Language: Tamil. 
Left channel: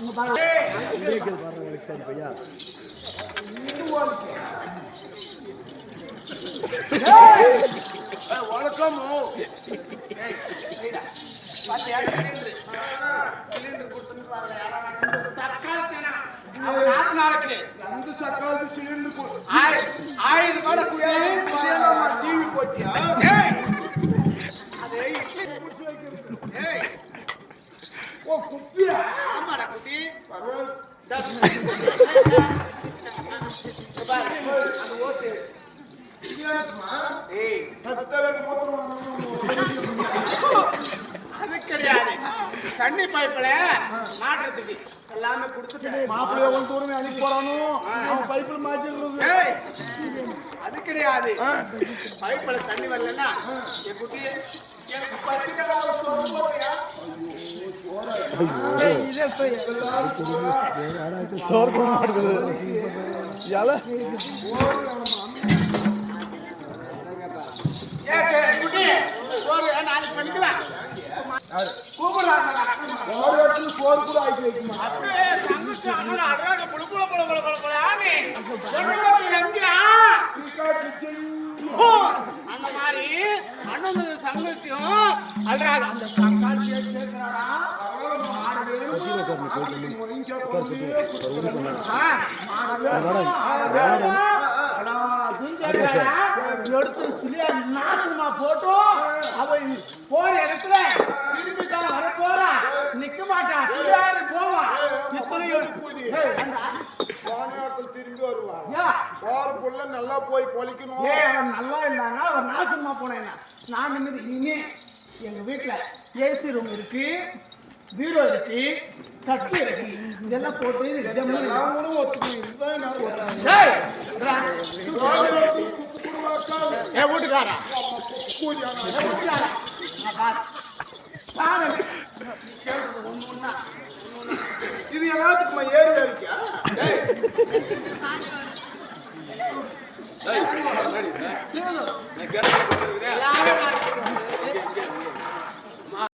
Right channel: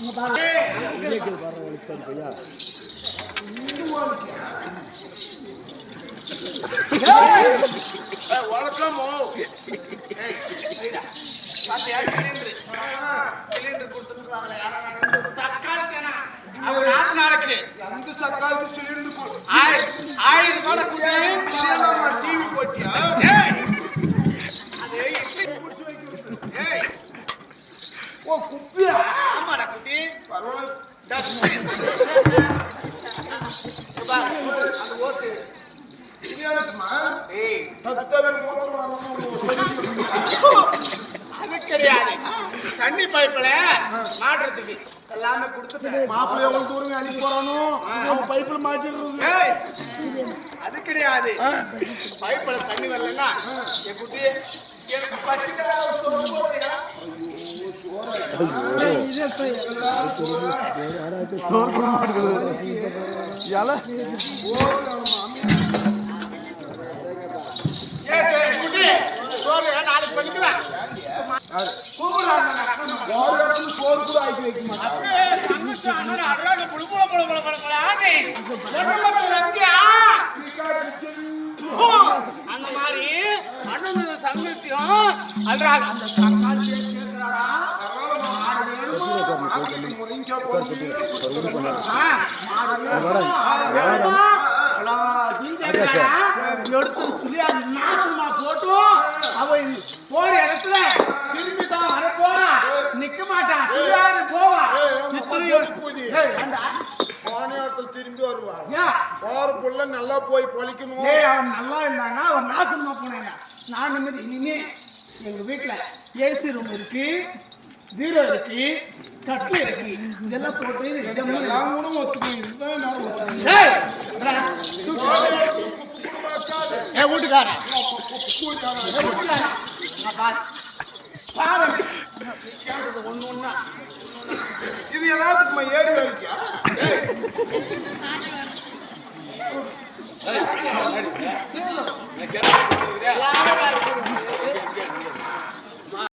இங்க பாரு கேக்குது பாருங்க உங்களுக்கு தரி பையா வணக்கம் சிலிண்டர் கொடுத்துருக்காங்க சர்க்கார் சேனா அவர் நாட்டு நாளைக்கு அந்த சக்காலத்து சிலிண்டர் 1000 ரூபாய் குடியா டிவி போட்டியா அது ஏய் ஓ குப்பியா ஆமாடா குட்டி அந்த ஓசை ஏய் அது கிடையாது தண்ணி பைப்ல மாட்டுறதுக்கு எல்லாமே கொடுத்துட்டு மாப்பிள்ளை எவ்வளவு தூரம் அனுப்பி போறானோ பைப்ல மாட்டிடுறது அது கிடையாது பைப்ல தண்ணி வரலன்னா என் குட்டி எனக்கு நாளைக்கு பண்ணிக்கலாம் சோறு கூட ஆக்கி வைக்குமா அந்த மாதிரி அண்ணன் சங்கத்தையும் அல்றாங்க அந்த எடுத்து சொல்லி நாசமா போட்டு அவன் போற இடத்துல திருப்பி தான் வர போறா நிக்க மாட்டான் போவா திரும்பி வருவாங்க போற புள்ள நல்லா போய் பொழிக்கணும் அவன் நல்லா இருந்தானா அவன் நாசமா போனேன் நான் நிம்மதி இனிமே எங்க வீட்டுல ஏசி ரூம் இருக்கு பீரோ இருக்கு கட்டு இருக்கு இதெல்லாம் போட்டு எல்லாம் கூட ஒத்துக்கணும் வீட்டுக்காரா ஒண்ணு ஒண்ணா இது எல்லாத்துக்குமா ஏறி வேலைக்கா